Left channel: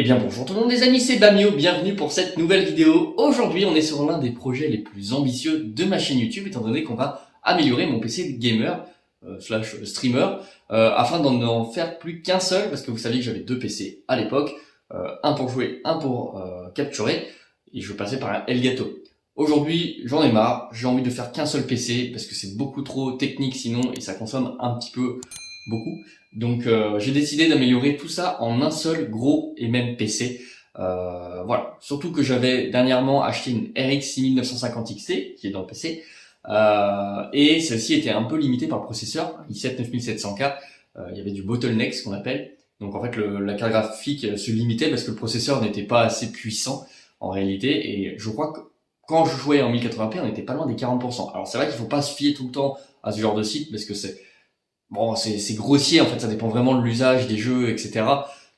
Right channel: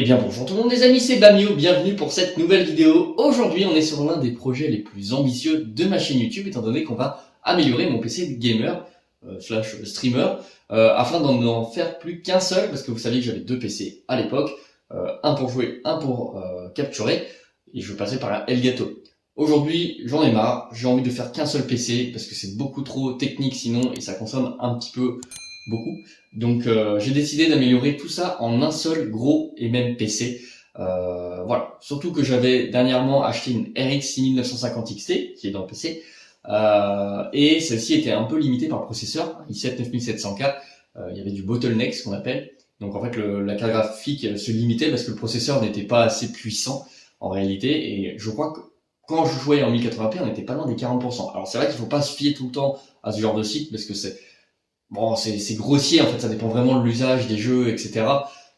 Eh bien bonjour tout le monde les amis, c'est Bamio, bienvenue pour cette nouvelle vidéo. Aujourd'hui on est sur l'un des projets les plus ambitieux de ma chaîne YouTube, étant donné qu'on va améliorer mon PC gamer slash streamer afin d'en faire plus qu'un seul, parce que vous saviez que j'avais deux PC à l'époque, un pour jouer, un pour capturer, et je passais par un Elgato. Aujourd'hui j'en ai marre, j'ai envie de faire qu'un seul PC, parce que c'est beaucoup trop technique sinon, et ça consomme un petit peu beaucoup. Donc j'ai décidé d'améliorer tout ça en un seul gros et même PC. Voilà. Surtout que j'avais dernièrement acheté une RX 6950 XT qui est dans le PC. Et celle-ci était un peu limitée par le processeur, i7 9700K. Il y avait du bottleneck, ce qu'on appelle. Donc en fait la carte graphique se limitait parce que le processeur n'était pas assez puissant en réalité. Et je crois que quand je jouais en 1080p, on n'était pas loin des 40%. Alors c'est vrai qu'il faut pas se fier tout le temps à ce genre de site parce que c'est grossier en fait, ça dépend vraiment de l'usage des jeux, etc.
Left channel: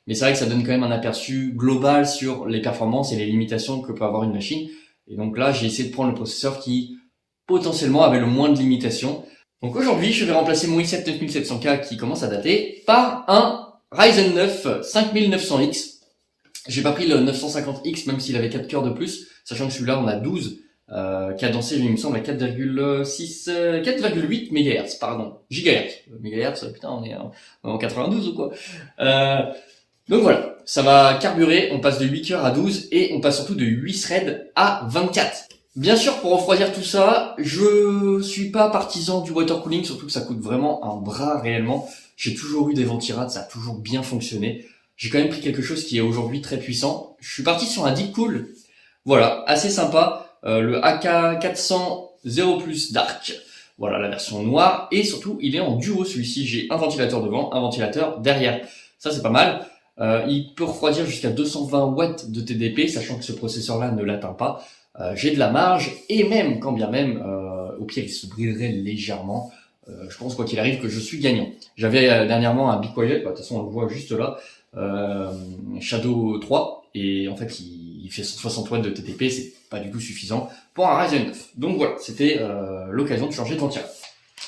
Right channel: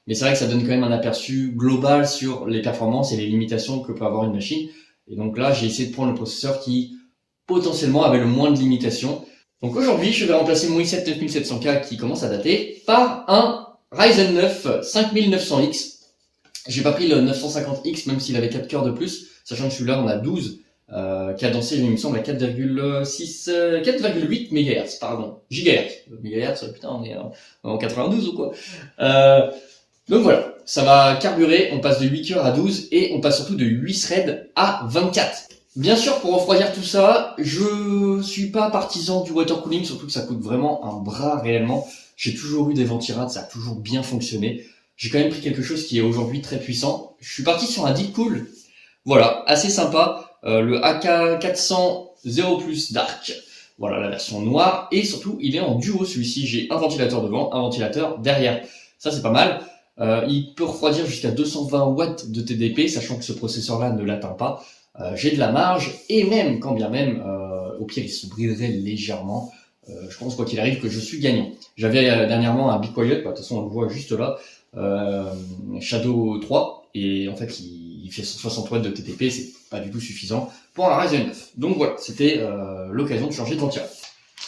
Mais c'est vrai que ça donne quand même un aperçu global sur les performances et les limitations que peut avoir une machine. Et donc là, j'ai essayé de prendre le processeur qui potentiellement avait le moins de limitations. Donc aujourd'hui, je vais remplacer mon i7 9700K qui commence à dater par un Ryzen 9 5900X. J'ai pas pris le 950X même s'il avait 4 cœurs de plus, sachant que celui-là on a 12. Cadencé, il me semble, à 4,6, 4,8 MHz, pardon, gigahertz. Mégahertz, putain, on est en 92 ou quoi. Donc voilà, ça va carburer, on passe de 8 cœurs à 12 et on passe surtout de 8 threads à 24. Bien sûr, pour refroidir tout ça, je suis pas partisan du water cooling, surtout que ça coûte vraiment un bras réellement. J'ai toujours eu des ventirades, ça a toujours bien fonctionné. J'ai quand même pris quelque chose qui est aujourd'hui très puissant. Je suis parti sur un Deepcool. Voilà, assez sympa. Le AK400 0 Plus Dark, voilà la version noire, et surtout il est en duo celui-ci, j'ai un ventilateur devant, un ventilateur derrière, ça c'est pas mal. Il peut refroidir jusqu'à 220 watts de TDP, sachant que ce processeur là ne l'atteint pas. J'ai de la marge, et même, quand bien même, au pire il se briderait légèrement. Je pense quoi qu'il arrive que je suis gagnant. J'avais dernièrement un Be Quiet, de toute façon on le voit juste là, Shadow 3, et en fait il fait 60 watts de TTP, c'est pas du tout suffisant pour un Ryzen 9. Donc voilà, c'était l'occasion de changer de ventilateur.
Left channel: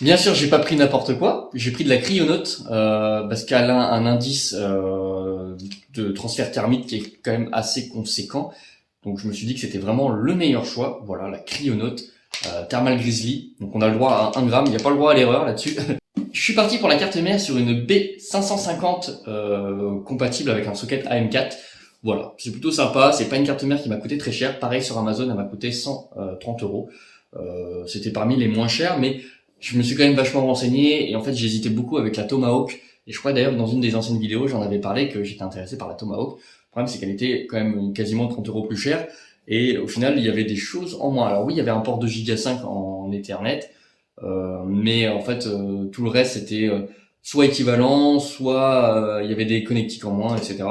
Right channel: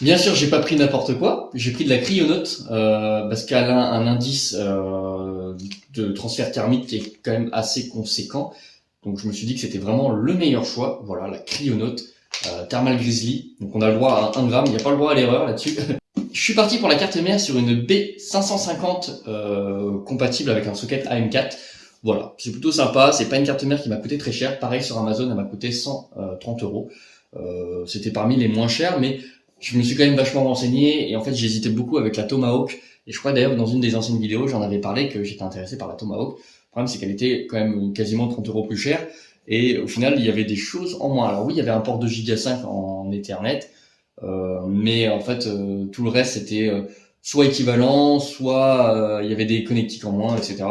Bien sûr, j'ai pas pris n'importe quoi, j'ai pris de la cryonaute parce qu'elle a un indice de transfert thermique qui est quand même assez conséquent. Donc je me suis dit que c'était vraiment le meilleur choix. Voilà, la cryonaute Thermal Grizzly. Donc on a le droit à 1 gramme, il n'y a pas le droit à l'erreur là-dessus. Je suis parti pour la carte mère sur une B550 compatible avec un socket AM4. Voilà, c'est plutôt sympa, c'est pas une carte mère qui m'a coûté très cher. Pareil sur Amazon, elle m'a coûté 130 euros. C'était parmi les moins chers, mais je me suis quand même vachement renseigné et en fait j'hésitais beaucoup avec la Tomahawk. Et je crois d'ailleurs que dans une des anciennes vidéos, j'en avais parlé que j'étais intéressé par la Tomahawk. Le problème c'est qu'elle était quand même quasiment 30 euros plus chère et au final il y avait des choses en moins. Alors oui, il y avait un port 2 Go 5 en Ethernet, mais en fait tout le reste c'était soit équivalent, soit il y avait des connectiques en moins, etc.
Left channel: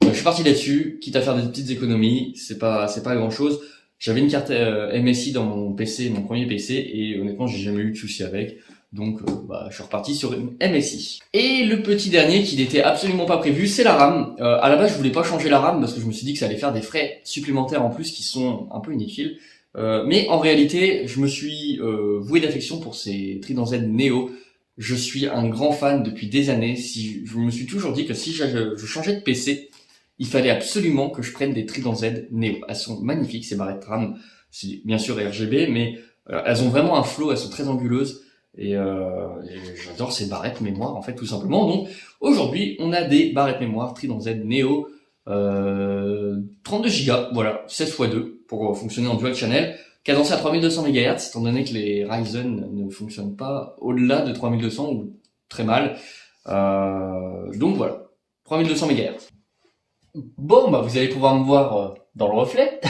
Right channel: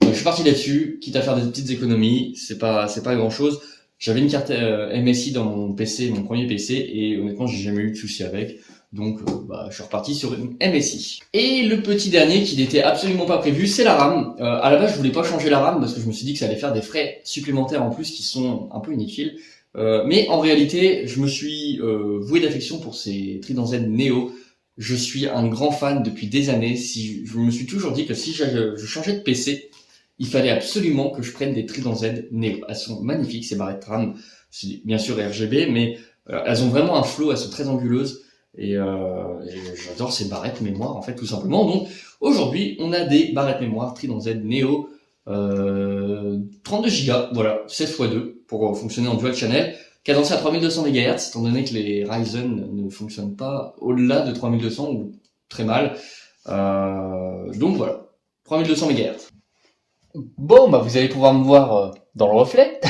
Je suis parti là-dessus, quitte à faire des petites économies, c'est pas grand chose. J'avais une carte MSI dans mon PC, mon premier PC, et honnêtement j'ai jamais eu de soucis avec. Donc je suis reparti sur une MSI. Et le petit dernier qui n'était absolument pas prévu, c'est la RAM. À la base je voulais pas changer la RAM parce que je me suis dit que ça allait faire des frais supplémentaires en plus qui sont un peu inutiles. Mais en réalité je me suis voué d'affection pour ces Trident Z Neo. Je suis un grand fan depuis des années. Je me suis toujours dit que si je changeais de PC, il fallait absolument que je prenne des Trident Z Neo. Elles sont magnifiques, ces barrettes RAM. C'est bien sûr RGB, mais elles ont vraiment un flow, elles sont très anguleuses. Et j'adore ces barrettes mémoire, en fait, tout simplement. Donc, aujourd'hui, on a des barrettes mémoire Trident Z Neo 32 Go, voilà, 16 x 2 pour fonctionner en dual channel. Cadencé à 3200 MHz, étant donné que les Ryzen ne fonctionnent pas au-delà de 3200 ou très mal. Donc voilà, 3200 MHz. Bon, vous allez pouvoir me voir dans le reflet.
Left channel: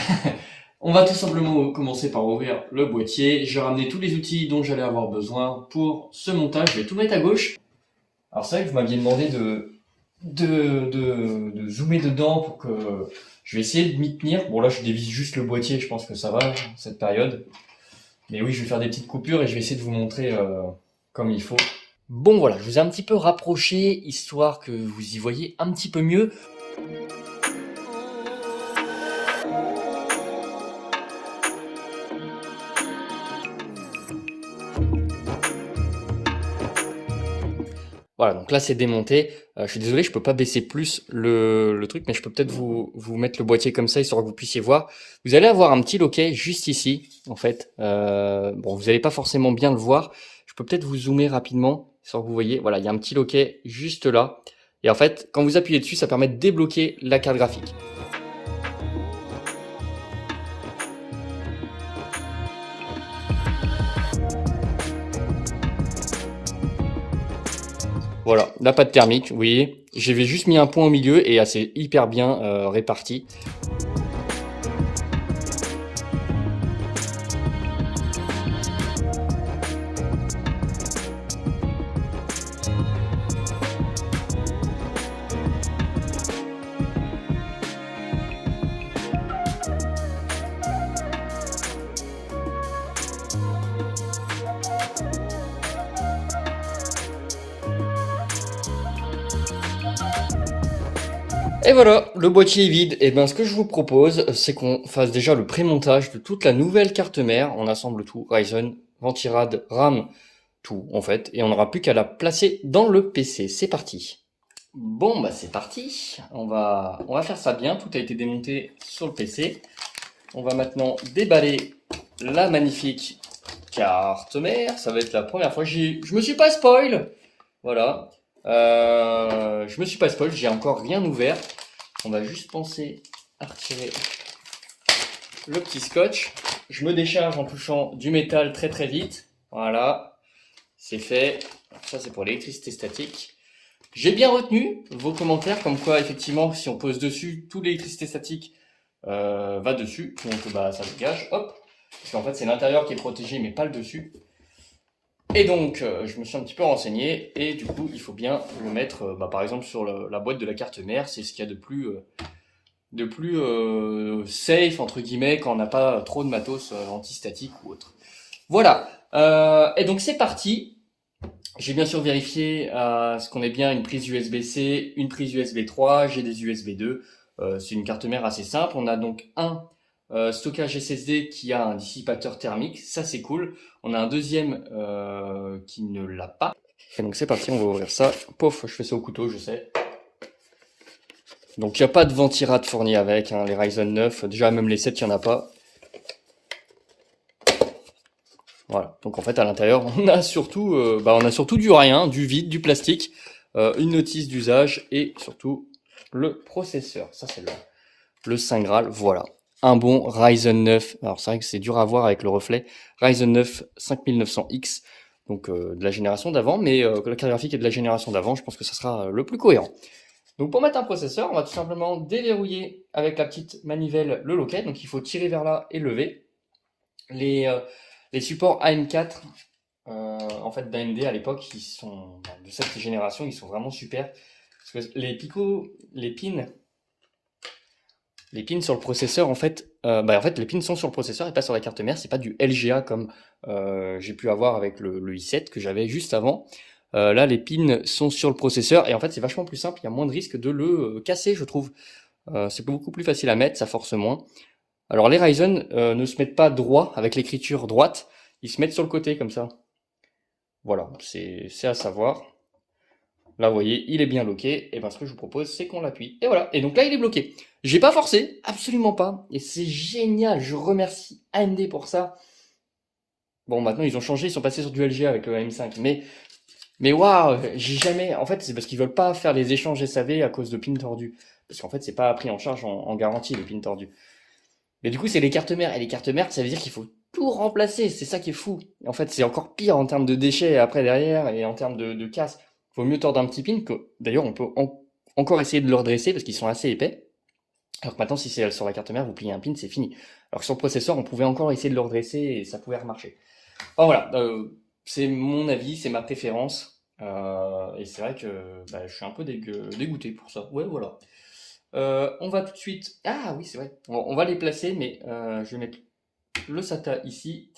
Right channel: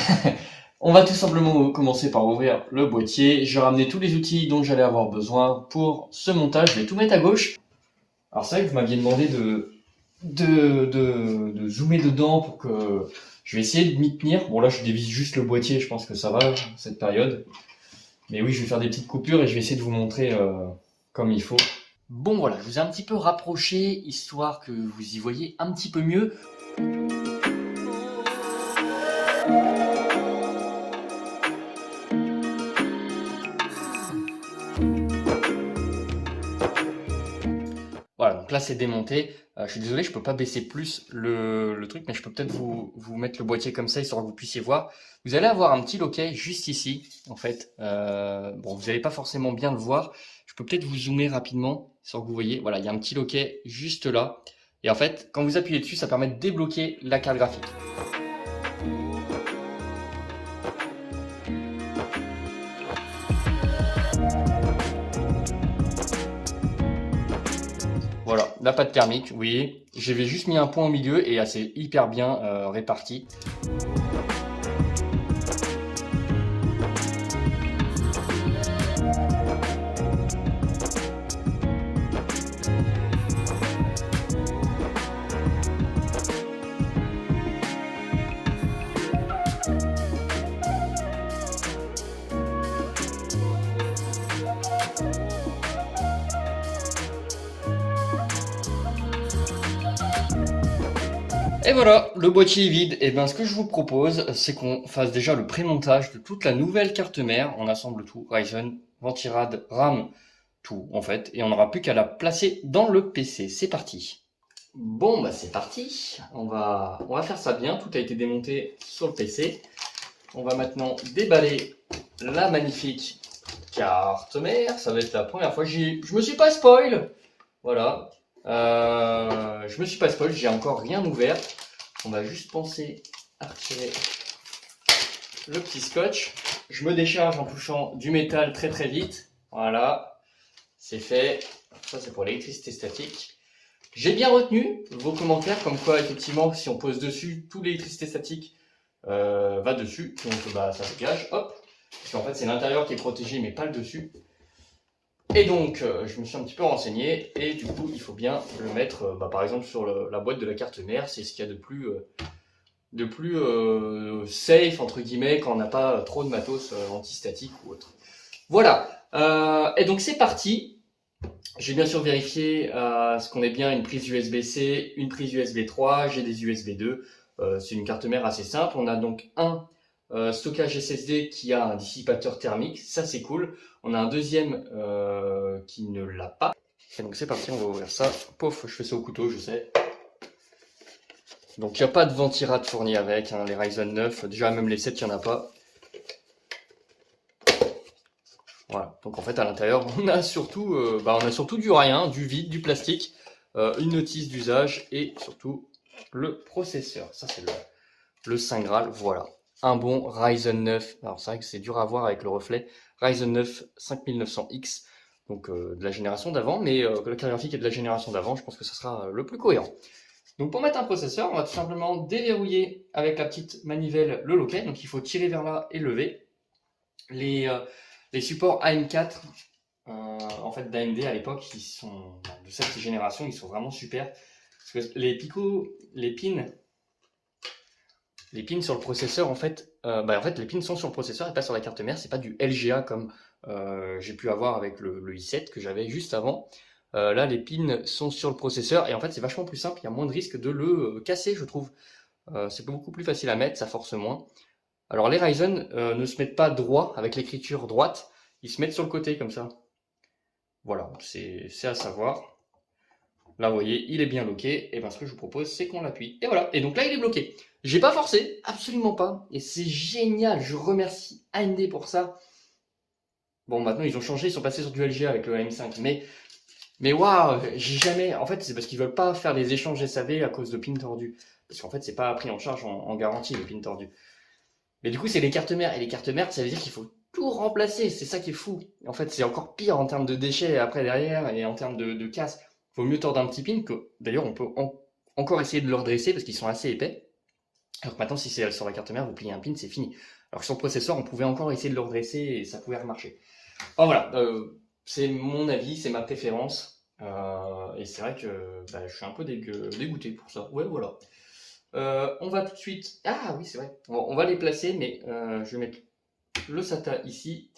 On va tout simplement commencer par ouvrir le boîtier. J'ai ramené tous les outils dont j'allais avoir besoin pour ce montage. Je vais tout mettre à gauche. Alors c'est vrai que vous m'aviez demandé de zoomer dedans pour que je vais essayer de m'y tenir. Bon là je dévisse juste le boîtier, je pense que ça va cette période. Mais oui, je vais faire des petites coupures et je vais essayer de vous montrer comme il faut. Bon voilà, je vous ai un petit peu rapproché histoire que vous y voyez un petit peu mieux. Voilà, donc Donc là c'est démonté. Je suis désolé, je peux pas baisser plus le truc, mais je peux peut-être vous mettre le boîtier comme ça, histoire que vous puissiez voir. Vous allez avoir un petit loquet juste ici, en fait. Bon, vous n'allez pas forcément bien le voir. Je peux peut-être vous zoomer rapidement, histoire que vous voyez. Voilà, il y a un petit loquet juste là. Et en fait, quand vous appuyez dessus, ça permet de débloquer la carte graphique. Voilà, la pâte thermique, vous voyez. J'avais juste mis un point au milieu et c'est hyper bien réparti. Et voilà, le boîtier est vide. Et bien, ce que je vous propose, c'est qu'on fasse déjà le pré-montage de toute la nouvelle carte mère. On assemble tout, Ryzen, Ventirad, RAM, tout en fait. Et on n'aura plus qu'à la placer dans le PC. C'est parti. Bon, bah c'est parti. On va faire ça bien. Tout a été démonté sur le PC. On va maintenant déballer la magnifique carte mère. Ça va être la première fois que je me suis pas spoil. Voilà. Je me suis pas spoil, j'ai encore rien ouvert. On va juste penser à retirer le petit scotch. Je me décharge en touchant du métal très très vite. Voilà, c'est fait. Ça c'est pour l'électricité statique. J'ai bien retenu vos commentaires comme quoi effectivement si on pose dessus, toute l'électricité statique va dessus. Donc bah ça dégage, hop. Parce qu'en fait c'est l'intérieur qui est protégé mais pas le dessus. Et donc, je me suis un petit peu renseigné, et du coup, il faut bien le mettre, par exemple, sur la boîte de la carte mère. C'est ce qu'il y a de plus safe, entre guillemets, quand on n'a pas trop de matos antistatique ou autre. Voilà, et donc c'est parti. J'ai bien sûr vérifié ce qu'on ait bien une prise USB-C, une prise USB 3, j'ai des USB 2. C'est une carte mère assez simple. On a donc un stockage SSD qui a un dissipateur thermique, ça c'est cool. On a un deuxième qui ne l'a pas. Et donc c'est parti, on va ouvrir ça. Pouf, je fais ça au couteau, je sais. Donc il n'y a pas de Ventirad fourni avec, hein, les Ryzen 9. Déjà même les 7, il n'y en a pas. Voilà, donc en fait à l'intérieur on a surtout du rien, du vide, du plastique, une notice d'usage et surtout le processeur. Ça c'est le Saint Graal, voilà. Un bon Ryzen 9, alors c'est vrai que c'est dur à voir avec le reflet, Ryzen 9 5900X, donc de la génération d'avant, mais la carte graphique est de la génération d'avant, je pense que ça sera le plus cohérent. Donc pour mettre un processeur, on va tout simplement déverrouiller avec la petite manivelle le loquet, donc il faut tirer vers là et lever. Les supports AM4 en fait d'AMD à l'époque, ils sont de cette génération, ils sont vraiment super, parce que les pins sur le processeur, en fait, les pins sont sur le processeur et pas sur la carte mère. C'est pas du LGA comme j'ai pu avoir avec le i7 que j'avais juste avant. Là, les pins sont sur le processeur et en fait, c'est vachement plus simple. Il y a moins de risque de le casser, je trouve. C'est beaucoup plus facile à mettre, ça force moins. Alors, les Ryzen ne se mettent pas droit avec l'écriture droite. Ils se mettent sur le côté comme ça. Voilà, c'est à savoir. Là, vous voyez, il est bien bloqué. Et bien, ce que je vous propose, c'est qu'on l'appuie. Et voilà. Et donc là, il est bloqué. J'ai pas forcé, absolument pas. Et c'est génial. Je remercie AMD pour ça. Bon, maintenant, ils ont changé. Ils sont passés sur du LGA avec le AM5. Mais waouh, j'ai jamais. En fait, c'est parce qu'ils veulent pas faire les échanges SAV à cause de pins tordus. Parce qu'en fait, c'est pas pris en charge en garantie, les pins tordus. Mais du coup, c'est les cartes mères. Et les cartes mères, ça veut dire qu'il faut tout remplacer. C'est ça qui est fou. En fait, c'est encore pire en termes de déchets après derrière et en termes de casse. Vaut mieux tordre un petit pin que, d'ailleurs, on peut encore essayer de le redresser parce qu'ils sont assez épais. Alors que maintenant, si c'est sur la carte mère, vous pliez un pin, c'est fini. Alors que sur le processeur, on pouvait encore essayer de le redresser et ça pouvait remarcher. Enfin voilà, c'est mon avis, c'est ma préférence. Et c'est vrai que je suis un peu dégoûté pour ça. Ouais, voilà. On va tout de suite... Ah oui, c'est vrai. On va les placer, mais je vais mettre le SATA ici.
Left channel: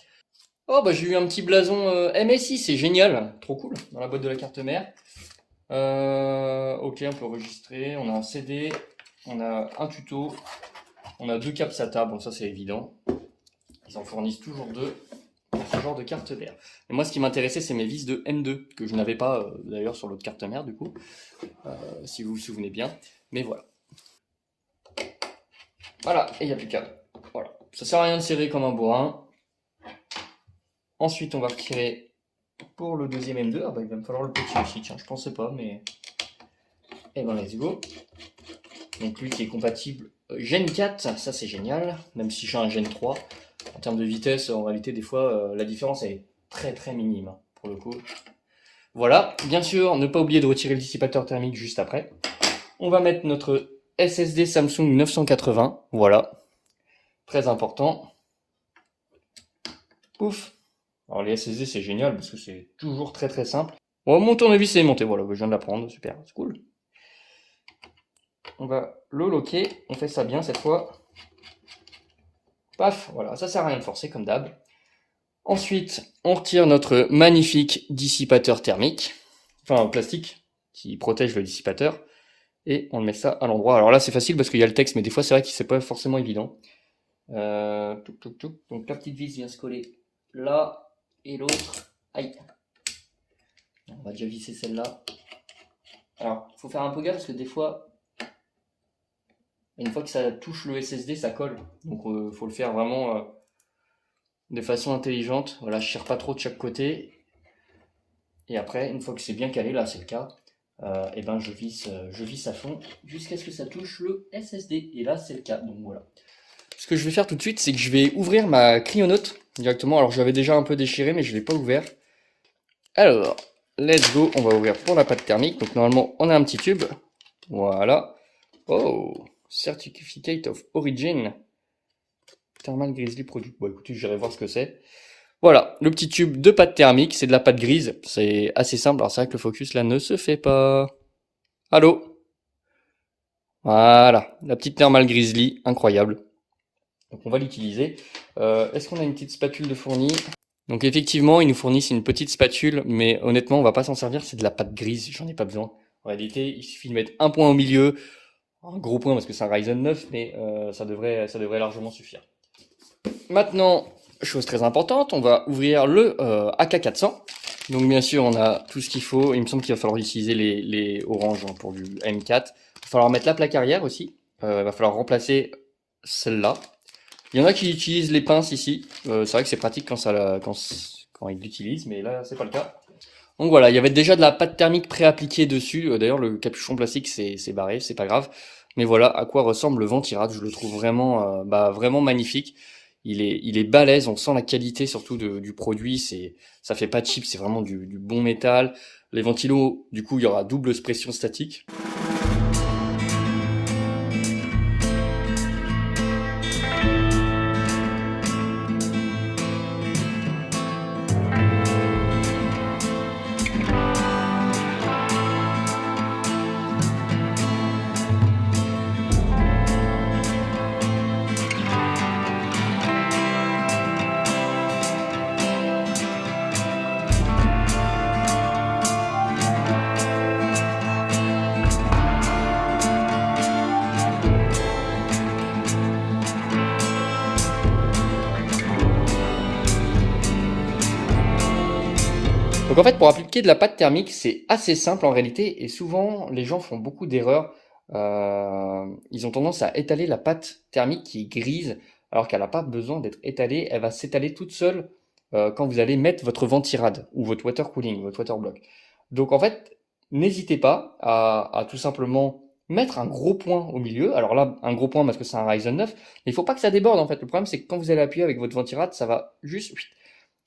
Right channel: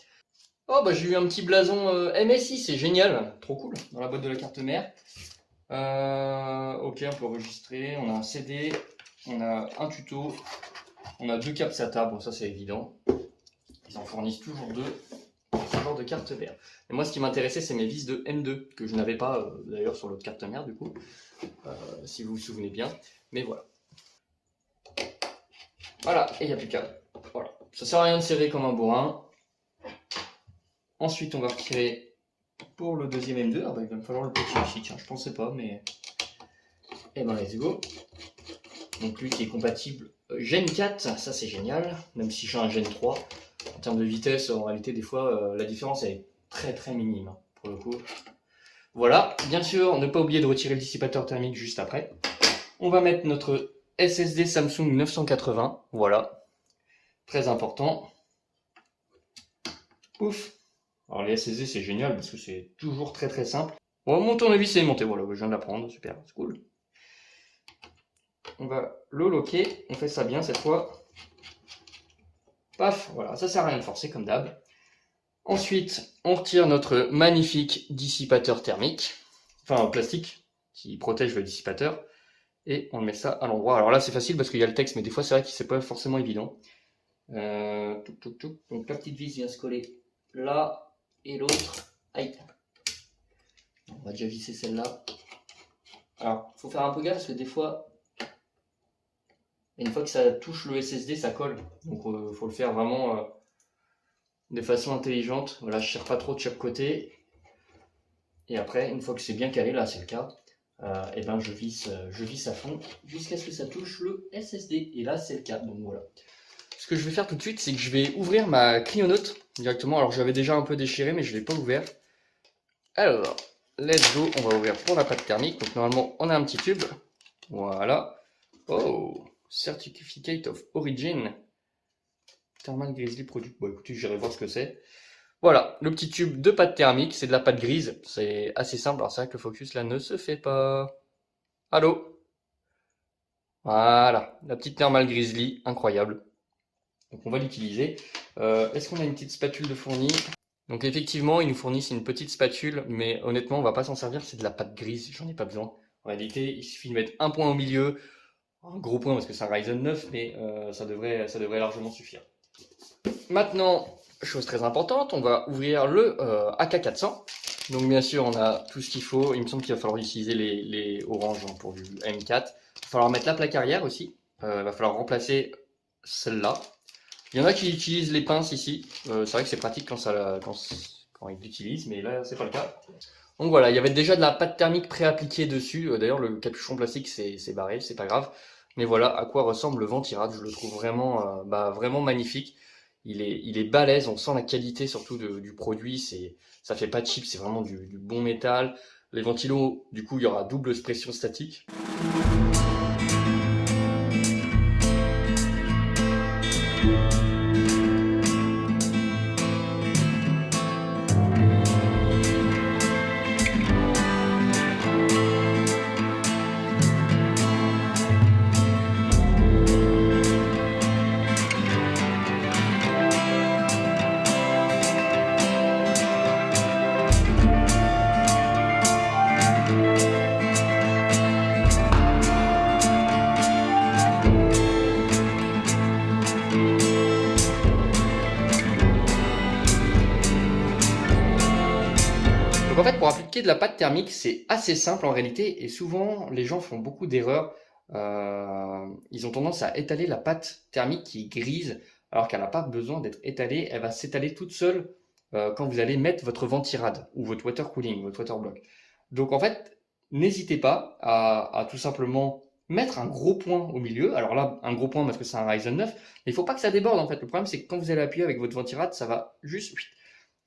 Oh bah j'ai eu un petit blason MSI, c'est génial, trop cool, dans la boîte de la carte mère. Ok, on peut enregistrer, on a un CD, on a un tuto, on a 2 câbles SATA, bon ça c'est évident. Ils en fournissent toujours 2, c'est toujours genre de carte mère. Et moi, ce qui m'intéressait, c'est mes vis de M2, que je n'avais pas d'ailleurs sur l'autre carte mère, du coup, si vous vous souvenez bien. Mais voilà. Voilà, et il n'y a plus qu'à. Voilà. Ça sert à rien de serrer comme un bourrin. Ensuite, on va retirer pour le deuxième M2. Ah bah, il va me falloir le petit aussi, tiens, je pensais pas, mais. Et ben, let's go. Donc, lui qui est compatible Gen 4, ça c'est génial, même si j'ai un Gen 3. En termes de vitesse, en réalité, des fois, la différence est très très minime, hein, pour le coup. Voilà, bien sûr, ne pas oublier de retirer le dissipateur thermique juste après. On va mettre notre SSD Samsung 980, voilà, très important. Pouf. Alors les SSD c'est génial parce que c'est toujours très très simple. Bon, mon tournevis est monté, voilà, je viens de l'apprendre, super, c'est cool. On va le loquer, on fait ça bien cette fois. Paf, voilà, ça sert à rien de forcer comme d'hab. Ensuite, on retire notre magnifique dissipateur thermique, enfin en plastique, qui protège le dissipateur. Et on met ça à l'endroit. Alors là, c'est facile parce qu'il y a le texte, mais des fois, c'est vrai que c'est pas forcément évident. Donc la petite vis vient se coller là, et l'autre, aïe. On va déjà visser celle-là. Alors, il faut faire un peu gaffe parce que des fois, une fois que ça touche le SSD, ça colle. Donc, il faut le faire vraiment de façon intelligente. Voilà, je tire pas trop de chaque côté. Et après, une fois que c'est bien calé, là, c'est le cas. Et ben je visse à fond jusqu'à ce que ça touche le SSD. Et là, c'est le cas. Donc voilà. Ce que je vais faire tout de suite, c'est que je vais ouvrir ma Cryonaut directement. Alors, j'avais déjà un peu déchiré, mais je ne l'ai pas ouvert. Alors, let's go. On va ouvrir pour la pâte thermique. Donc, normalement, on a un petit tube. Voilà. Oh, Certificate of Origin. Thermal Grizzly Product. Bon, écoutez, j'irai voir ce que c'est. Voilà, le petit tube de pâte thermique, c'est de la pâte grise, c'est assez simple, alors c'est vrai que le focus là ne se fait pas. Allô? Voilà, la petite Thermal Grizzly, incroyable. Donc on va l'utiliser. Est-ce qu'on a une petite spatule de fourni? Donc effectivement, ils nous fournissent une petite spatule, mais honnêtement, on va pas s'en servir, c'est de la pâte grise, j'en ai pas besoin. En réalité, il suffit de mettre un point au milieu, un gros point parce que c'est un Ryzen 9, mais ça devrait largement suffire. Maintenant, chose très importante, on va ouvrir le AK400. Donc bien sûr, on a tout ce qu'il faut. Il me semble qu'il va falloir utiliser les oranges pour du M4. Il va falloir mettre la plaque arrière aussi. Il va falloir remplacer celle-là. Il y en a qui utilisent les pinces ici. C'est vrai que c'est pratique quand ils l'utilisent, mais là, c'est pas le cas. Donc voilà, il y avait déjà de la pâte thermique pré-appliquée dessus. D'ailleurs, le capuchon plastique, c'est barré, c'est pas grave. Mais voilà à quoi ressemble le Ventirad. Je le trouve vraiment, vraiment magnifique. Il est balèze, on sent la qualité surtout du produit, ça fait pas cheap, c'est vraiment du bon métal. Les ventilos, du coup, il y aura double pression statique. Donc en fait, pour appliquer de la pâte thermique, c'est assez simple en réalité, et souvent les gens font beaucoup d'erreurs. Ils ont tendance à étaler la pâte thermique qui est grise, alors qu'elle n'a pas besoin d'être étalée, elle va s'étaler toute seule quand vous allez mettre votre ventirad ou votre water cooling, votre water block. Donc en fait, n'hésitez pas à tout simplement mettre un gros point au milieu. Alors là, un gros point parce que c'est un Ryzen 9, mais il ne faut pas que ça déborde en fait. Le problème, c'est que quand vous allez appuyer avec votre ventirad, ça va juste.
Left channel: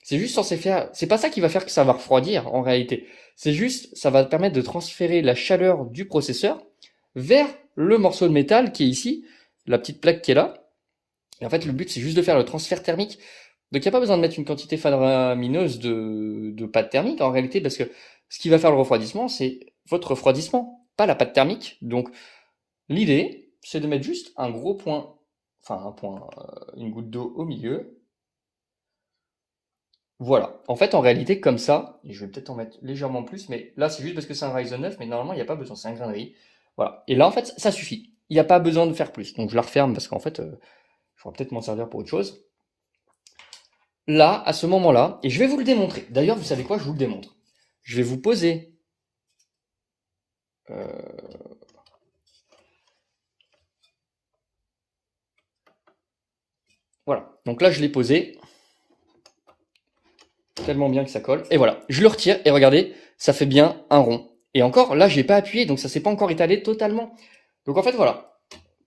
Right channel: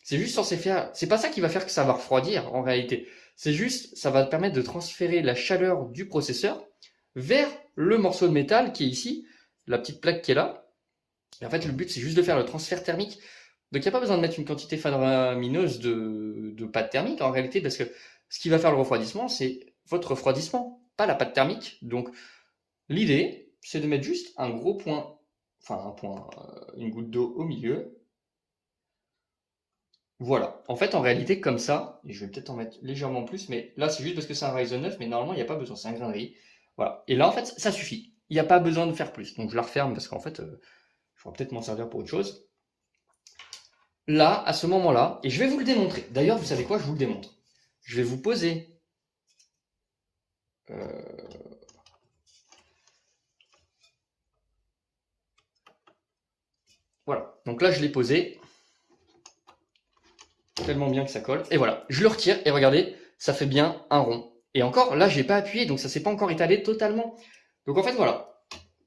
C'est juste censé faire. C'est pas ça qui va faire que ça va refroidir en réalité. C'est juste, ça va permettre de transférer la chaleur du processeur vers le morceau de métal qui est ici, la petite plaque qui est là. Et en fait, le but, c'est juste de faire le transfert thermique. Donc, il n'y a pas besoin de mettre une quantité faramineuse de pâte thermique en réalité, parce que ce qui va faire le refroidissement, c'est votre refroidissement, pas la pâte thermique. Donc, l'idée, c'est de mettre juste un gros point, enfin un point, une goutte d'eau au milieu. Voilà. En fait, en réalité, comme ça, et je vais peut-être en mettre légèrement plus, mais là, c'est juste parce que c'est un Ryzen 9, mais normalement, il n'y a pas besoin, c'est un grain de riz. Voilà. Et là, en fait, ça suffit. Il n'y a pas besoin de faire plus. Donc, je la referme parce qu'en fait, je pourrais peut-être m'en servir pour autre chose. là, à ce moment-là, et je vais vous le démontrer. D'ailleurs, vous savez quoi, je vous le démontre. Je vais vous poser. Voilà. Donc là, je l'ai posé. Tellement bien que ça colle. Et voilà. Je le retire et regardez, ça fait bien un rond. Et encore, là, j'ai pas appuyé, donc ça s'est pas encore étalé totalement. Donc en fait, voilà.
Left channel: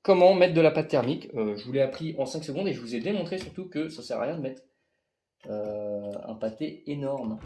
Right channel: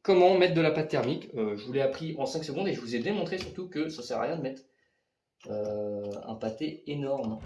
Comment mettre de la pâte thermique. Je vous l'ai appris en 5 secondes et je vous ai démontré surtout que ça sert à rien de mettre un pâté énorme.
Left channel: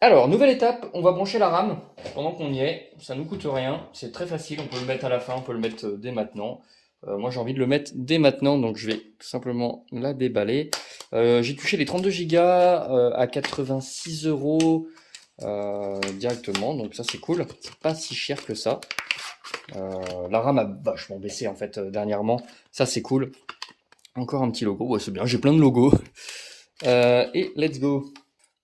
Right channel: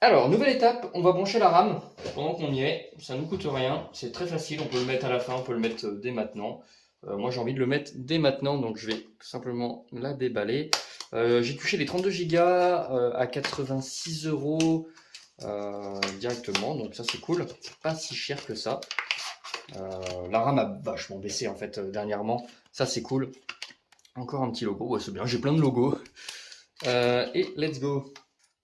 Alors, nouvelle étape, on va brancher la RAM pendant qu'on y est. Ça ne nous coûte rien, c'est très facile, on peut le mettre à la fin, on peut le mettre dès maintenant. Moi j'ai envie de le mettre dès maintenant, donc je vais tout simplement la déballer. J'ai touché les 32 Go à 86 € directement, donc ça c'est cool, c'est pas si cher que ça. La RAM a vachement baissé en fait dernièrement, ça c'est cool. Encore un petit logo, ouais, c'est bien, j'ai plein de logos. Et let's go.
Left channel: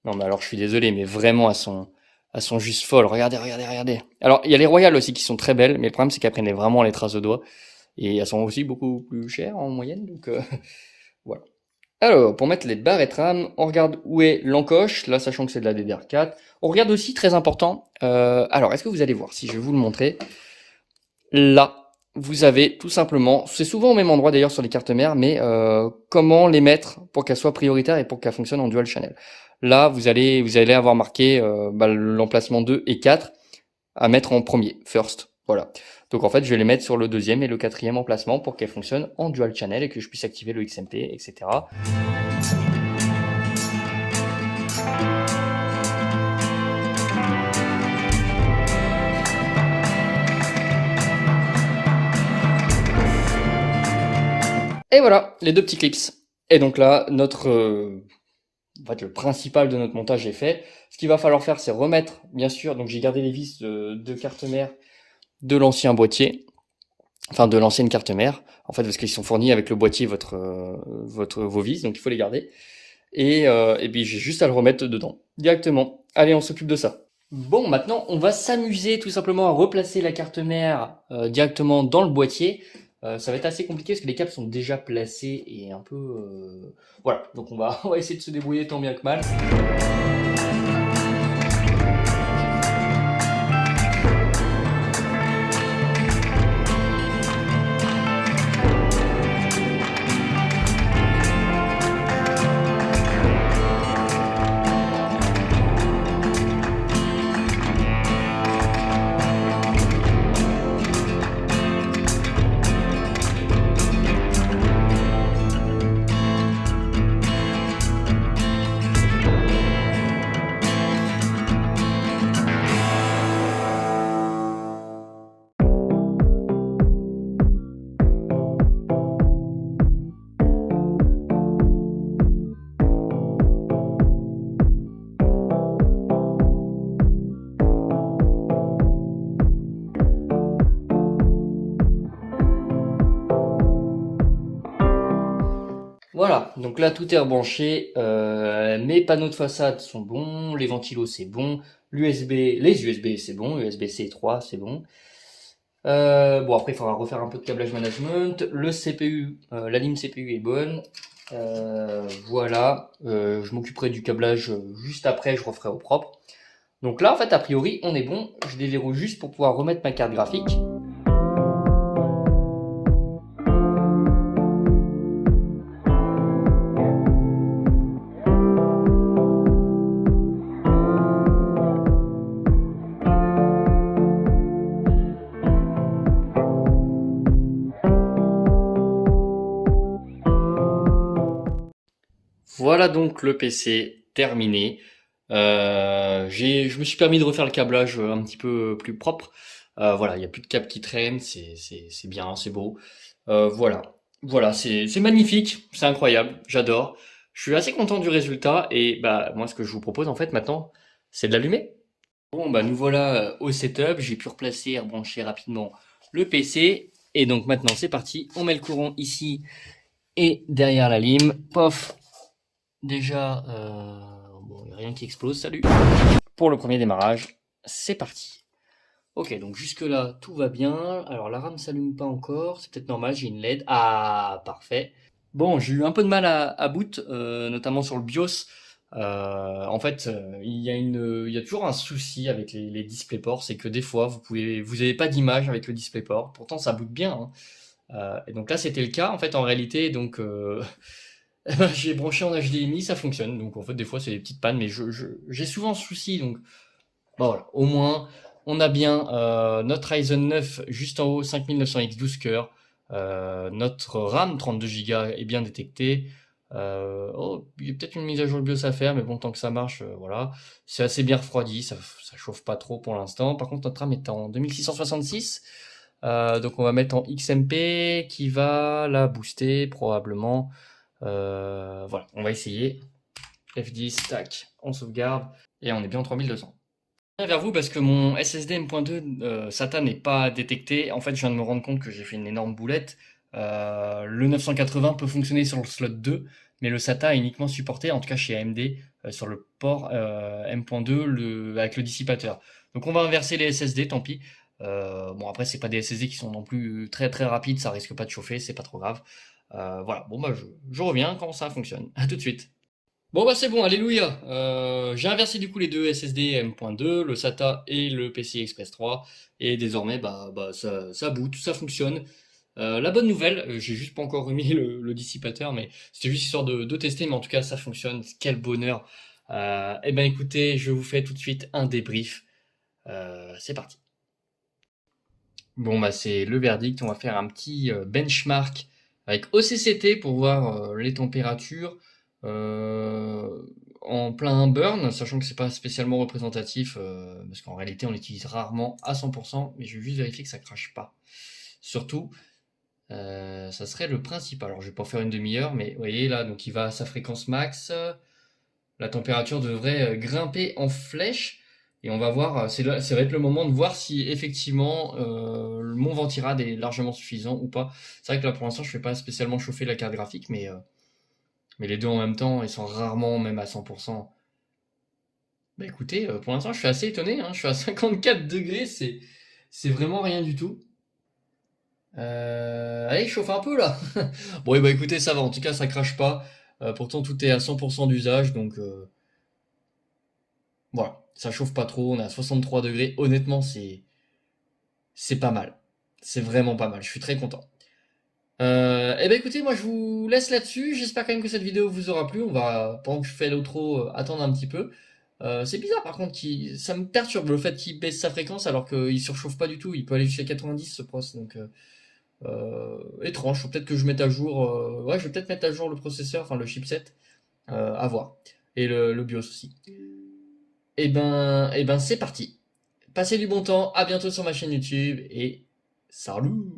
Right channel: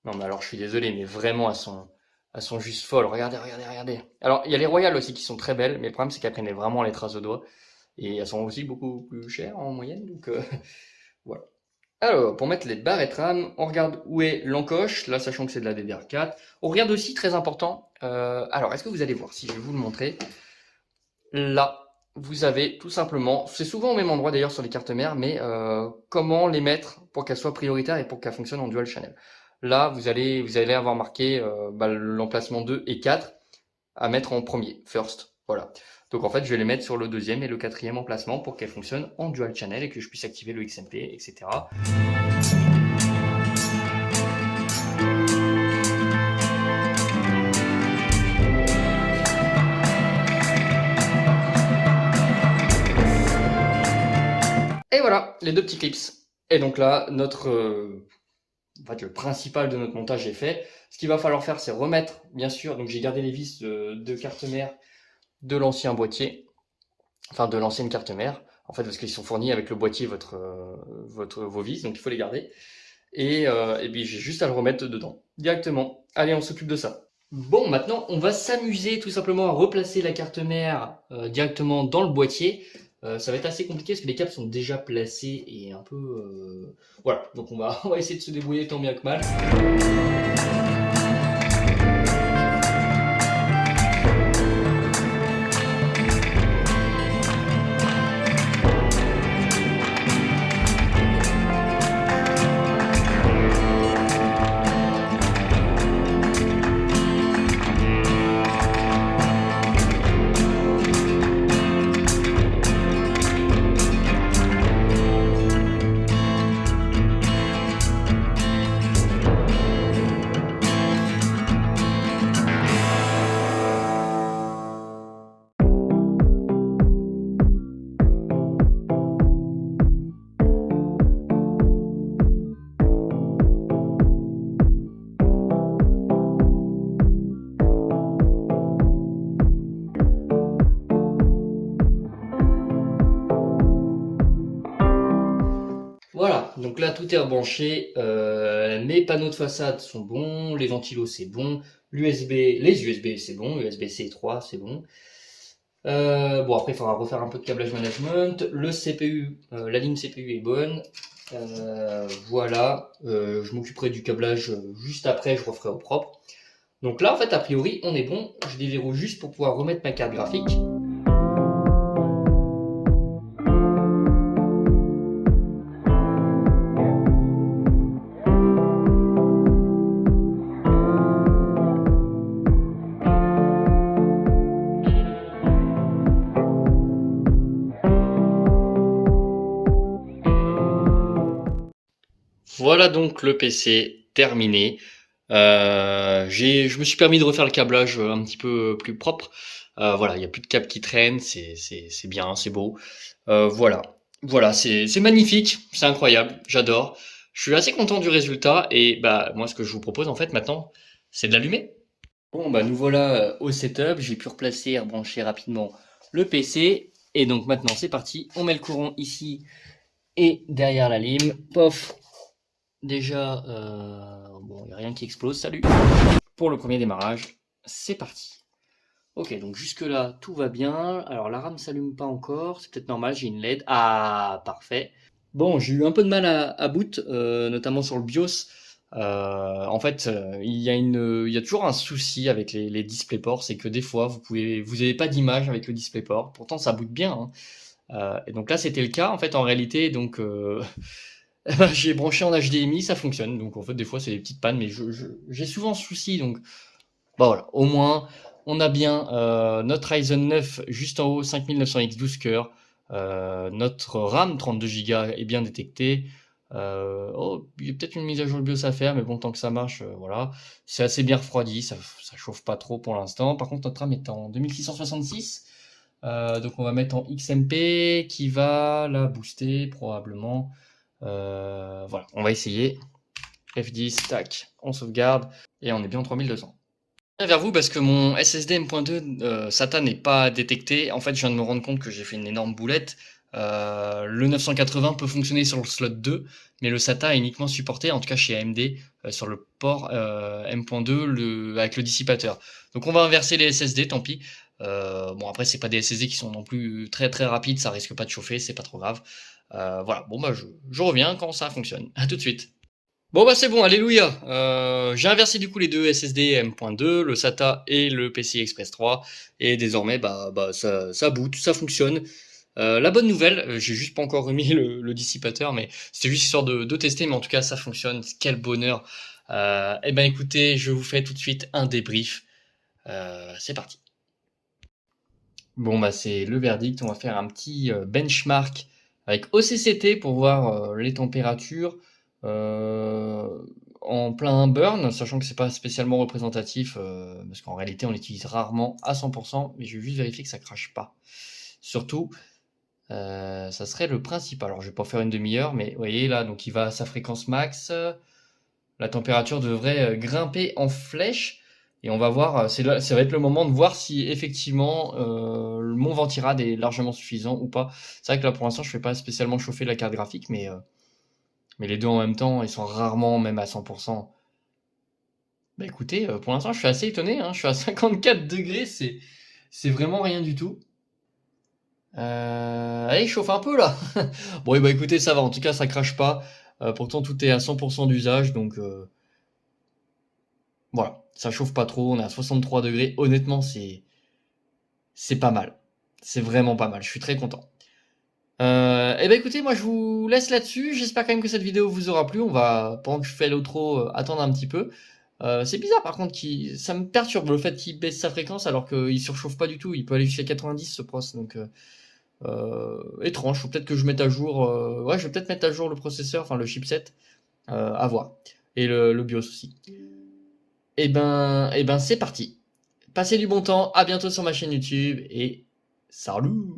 Non, mais alors je suis désolé, mais vraiment elles sont juste folles. Regardez, regardez, regardez. Alors il y a les Royales aussi qui sont très belles, mais le problème c'est qu'elles prennent vraiment les traces de doigts. Et elles sont aussi beaucoup plus chères en moyenne, donc voilà. Alors, pour mettre les barrettes RAM, on regarde où est l'encoche, là sachant que c'est de la DDR4. On regarde aussi, très important, alors est-ce que vous allez voir, si je vais vous le montrer, là, vous avez tout simplement, c'est souvent au même endroit d'ailleurs sur les cartes mères, mais comment les mettre pour qu'elles soient prioritaires et pour qu'elles fonctionnent en dual channel. Là, vous allez avoir marqué l'emplacement 2 et 4 à mettre en premier, first. Voilà. Donc en fait, je vais les mettre sur le deuxième et le quatrième emplacement pour qu'elles fonctionnent en dual channel et que je puisse activer le XMP, etc. Et voilà, les deux petits clips. Et donc là, notre en fait, le principal de notre montage est fait. Ce qu'il va falloir faire, c'est remettre, bien sûr, donc j'ai gardé les vis de carte mère de l'ancien boîtier, enfin de l'ancienne carte mère, en fait, parce qu'ils sont fournis avec le boîtier vos vis, donc il faut les garder. Et puis j'ai juste à le remettre dedans, directement. Allez, on s'occupe de ça. Bon, maintenant, on va s'amuser tout simplement à replacer la carte mère directement dans le boîtier. Ça va être assez compliqué parce que les câbles sont déjà placés et un peu... Voilà, donc on va essayer de se débrouiller tant bien que mal. Voilà, donc là tout est rebranché, mes panneaux de façade sont bons, les ventilos c'est bon, les USB c'est bon, USB-C 3 c'est bon. Bon après il faudra refaire un peu de câblage management, le CPU, la ligne CPU est bonne. Voilà, je m'occuperai du câblage juste après, je referai au propre. Donc là en fait a priori on est bon, je déverrouille juste pour pouvoir remettre ma carte graphique. Voilà donc le PC terminé. Je me suis permis de refaire le câblage un petit peu plus propre. Voilà, il n'y a plus de câbles qui traînent, c'est bien, c'est beau. Voilà. Voilà, c'est magnifique, c'est incroyable, j'adore. Je suis assez content du résultat et bah moi ce que je vous propose en fait maintenant, c'est de l'allumer. Bon bah nous voilà au setup, j'ai pu replacer et rebrancher rapidement le PC et donc maintenant c'est parti, on met le courant ici et derrière la lime, pof, déjà bon il n'y a rien qui explose, salut. Pour le premier démarrage, c'est parti. Ok, donc jusque-là, tout va bien. Alors la RAM s'allume pas encore, c'est peut-être normal, j'ai une LED. Ah, parfait. Bon, j'ai eu un peu de mal à boot, notamment sur le BIOS. En fait, il y a toujours un souci avec les DisplayPort, c'est que des fois, vous avez pas d'image avec le DisplayPort. Pourtant, ça boot bien, hein. Et donc là, c'était le cas. En fait, en réalité, donc eh ben, j'ai branché en HDMI, ça fonctionne. Donc en fait, des fois, c'est des petites pannes, mais j'ai souvent ce souci. Donc bah voilà, au moins, on a bien notre Ryzen 9 juste en haut, 5900X 12 cœurs. Notre RAM 32 Go est bien détecté. Oh, il y a peut-être une mise à jour de BIOS à faire, mais bon, tant que ça marche, voilà. C'est assez bien refroidi, ça chauffe pas trop pour l'instant. Par contre, notre RAM est en 2666. Donc on va mettre en XMP qui va la booster probablement. Voilà, on va essayer. F10, tac, on sauvegarde et on est bien en 3200. Je viens vers vous parce que mon SSD M.2 SATA n'est pas détecté. En fait, je viens de me rendre compte que j'ai fait une énorme boulette. Le 980 peut fonctionner sur le slot 2, mais le SATA est uniquement supporté, en tout cas chez AMD, sur le port M.2 avec le dissipateur. Donc on va inverser les SSD, tant pis. Bon après c'est pas des SSD qui sont non plus très très rapides, ça risque pas de chauffer, c'est pas trop grave. Voilà, bon bah je reviens quand ça fonctionne. À tout de suite. Bon bah c'est bon, alléluia. J'ai inversé du coup les deux SSD M.2, le SATA et le PCI Express 3, et désormais bah ça boot, ça fonctionne. La bonne nouvelle, j'ai juste pas encore remis le dissipateur, mais c'était juste histoire de tester, mais en tout cas ça fonctionne. Quel bonheur. Eh ben écoutez, je vous fais tout de suite un débrief. C'est parti. Bon bah c'est le verdict, on va faire un petit benchmark avec OCCT pour voir les températures en plein burn, sachant que c'est pas spécialement représentatif parce qu'en réalité on l'utilise rarement à 100%, mais je vais juste vérifier que ça crache pas. Surtout, ça serait le principal. Alors je vais pas faire une demi-heure, mais vous voyez là, donc il va à sa fréquence max. La température devrait grimper en flèche. Et on va voir, ça va être le moment de voir si effectivement mon ventirad est largement suffisant ou pas. C'est vrai que là pour l'instant je fais pas spécialement chauffer la carte graphique, mais les deux en même temps, ils sont rarement même à 100%. Bah écoutez, pour l'instant je suis assez étonné, hein, je suis à 54 degrés, c'est vraiment rien du tout. Allez, il chauffe un peu là. Bon, et bah écoutez, ça va, en tout cas ça crache pas. Pourtant tout est à 100% d'usage, donc voilà, ça chauffe pas trop, on est à 63 degrés. Honnêtement, c'est pas mal. C'est vraiment pas mal, je suis très content. Et ben écoutez, moi je vous laisse là-dessus. J'espère quand même que cette vidéo vous aura plu. On va, pendant que je fais l'outro, attendre un petit peu. C'est bizarre par contre, ça me perturbe le fait qu'il baisse sa fréquence alors qu'il surchauffe pas du tout. Il peut aller jusqu'à 90 ce pros, donc étrange. Faut peut-être que je mette à jour. Ouais, je vais peut-être mettre à jour le processeur, enfin le chipset, à voir. Et le BIOS aussi. Et ben c'est parti. Passez du bon temps, à bientôt sur ma chaîne YouTube et salut!